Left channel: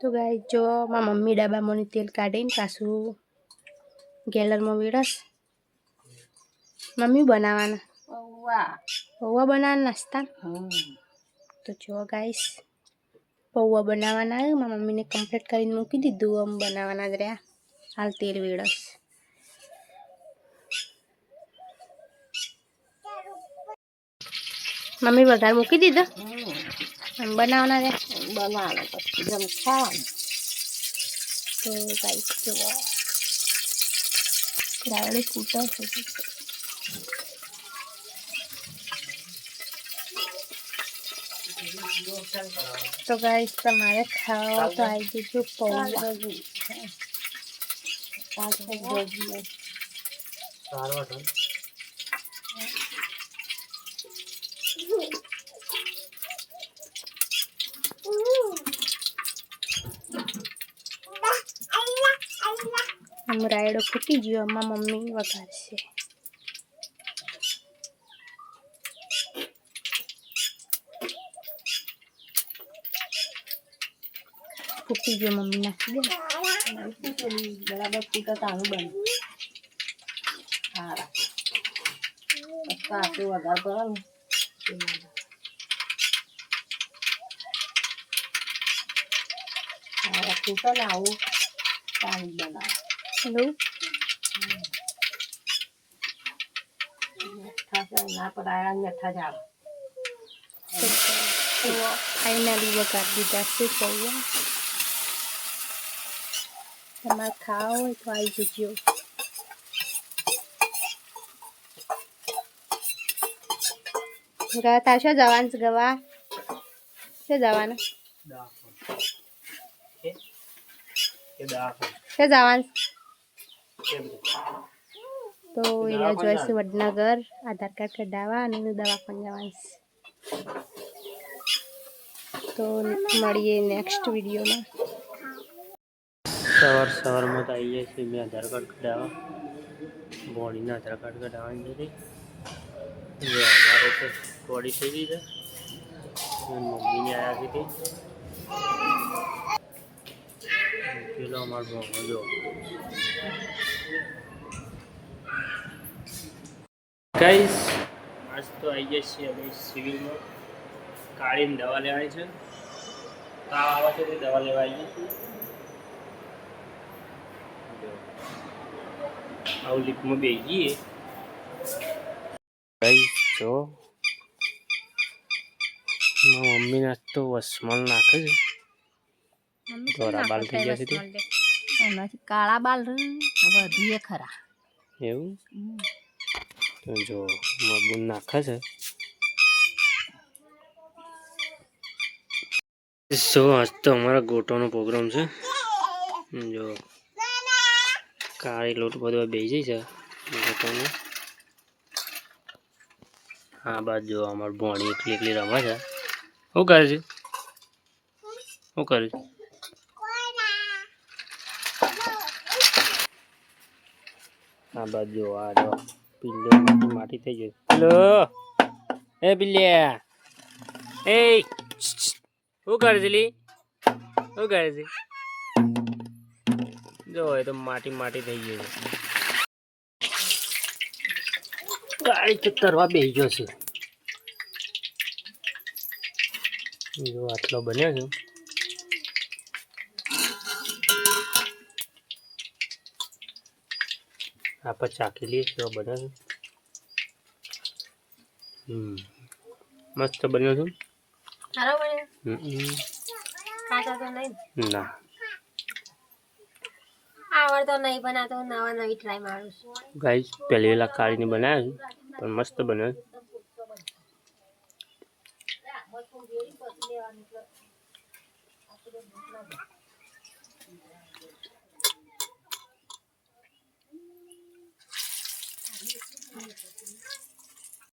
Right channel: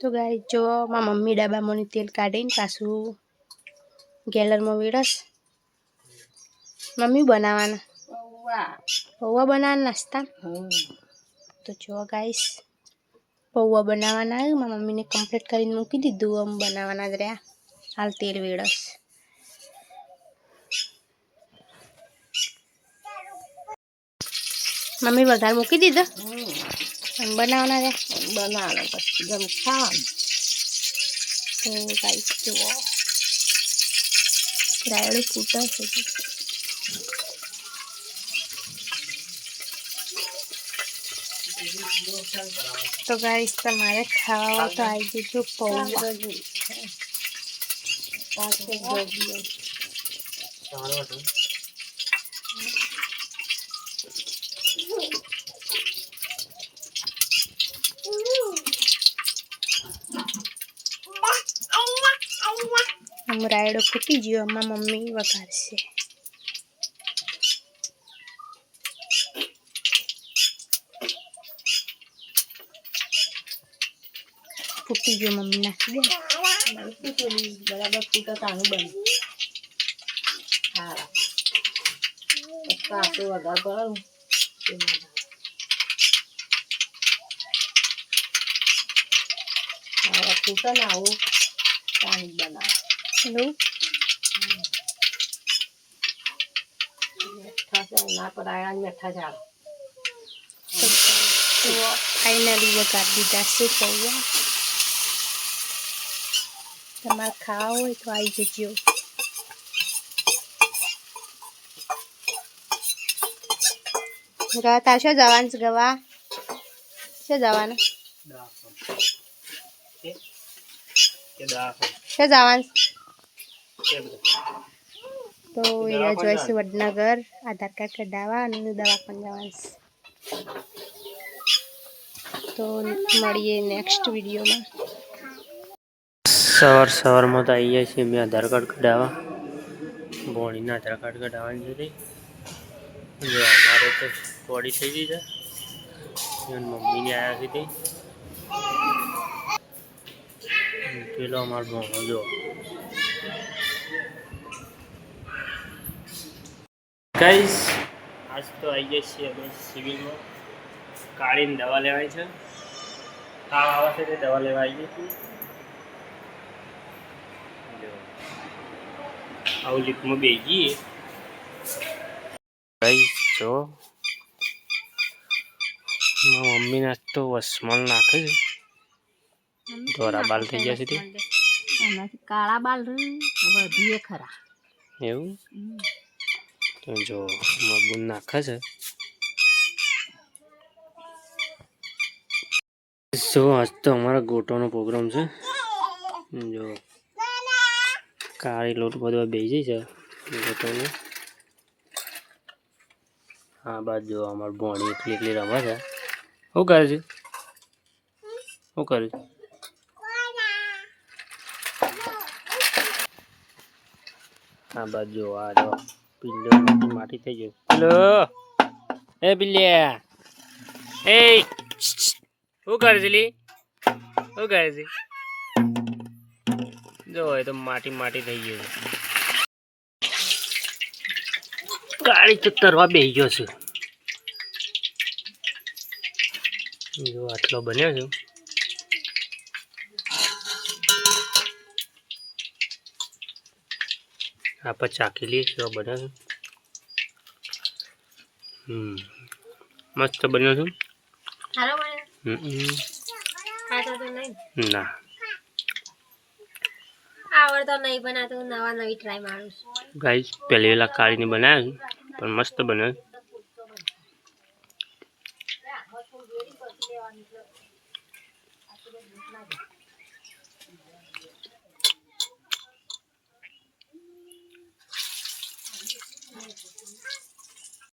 તો ગાય જો મારા મમ્મી ડબ્બામાંની તેલ કાઢીને પાછું ગેલરમાં વેડસ મમ્મી બનાવવાના પૌવા બનાવવાના નાસ્તા તો જો ગાઈસ પૌવા બનાવવાના આવ્યું મારા મમ્મીને કમ્પ્લીટ કરીને મૂકી દીધું આમ બનાવવાના જ રહ્યા હાલ તેલ વેડસ મમ્મી વઘાર મૂકી દીધો બનાવવાના રહ્યા બનાવવાના પછી ગમ ખાવાનું તો ગાઈસ જુઓ રાયડો ફૂટા છે તો ગાઈસ તમારે ખાવા તો આવી જજો પૌવા રાયડો ફૂટી ગયો અમારા મમ્મી વઘારશે ફૂટી ગયો મમ્મી નાખી દે બરાબર ફૂટા તાનું બને હા પાછું વઘાર કરવાનું ફૂટા ના આવું પાણી બનાવ ના પડાયા મેઠા ઝાડ ફાઇનલી વઘાર દીધા છે પૌવા તમારે ખાવા હોય તો આવી જજો ગવા તાર શું જવાનું છે ગવા શું જવાનું શું જવાનું તો એરિયા જોઈ છે વડનગર આધાર કાર્ડ કઢાવવા અને દવાખાને જવાનું તો મળીએ નેક્સ્ટ વિડીયોમાં સવારમાં તો આવીએ છીએ મેં આધાર કાર્ડ કઢાવવા બોડીના આધાર કાર્ડ કઢાવવાની છે જો અમારે તો બોડી થઈ ગઈ છે મમ્મીને આવ્યા છે પેલો અમારો ભણો જો ગાઈસ આજ તો આવી ગયા છીએ અમે સિવિલમાં કાઢીને દવા લેવાની છે તાવ આવે છે તે દવા લેવા આવીએ છીએ જો આવું લીપમાં બેસી જઈએ ગાઈસ જો મારા મમ્મીને આજ તો વસમલ નાખે છે ધોરા બાલ થઈ ગયા છે તે કાળા બાલ વધીએ ખરા એવું તો જો મબૂન નાખે છે સો આજ તો અમારા ગોટોનો પ્રોગ્રામ છે જો કાળી લોટ બધો બેસી છે ગોટોનો હા બાદ જો અમારું ભોણી એકલી એકલી રમે છે શું કરે છે શું કરે છે હા બાદ જો આ જો પિલ્લો માટી થઈ ગયો હેલો એ બિલ્યા એ શું કરે છે લી શું કરે છે જો એ તો માટી થઈ ગયું છે ગાડી તો તરવા બેસી ગયો છે જો આટલો બન્યો છે આપણે ચાખી લઈએ કેવો બન્યો છે મસ્ત બન્યો છે ના આવડતો નહીં બનાતો નવા નવી ટ્રાય મારું ગાઈસ પહેલી વેલા કાઢીને બનાવ્યું પણ મસ્ત બન્યો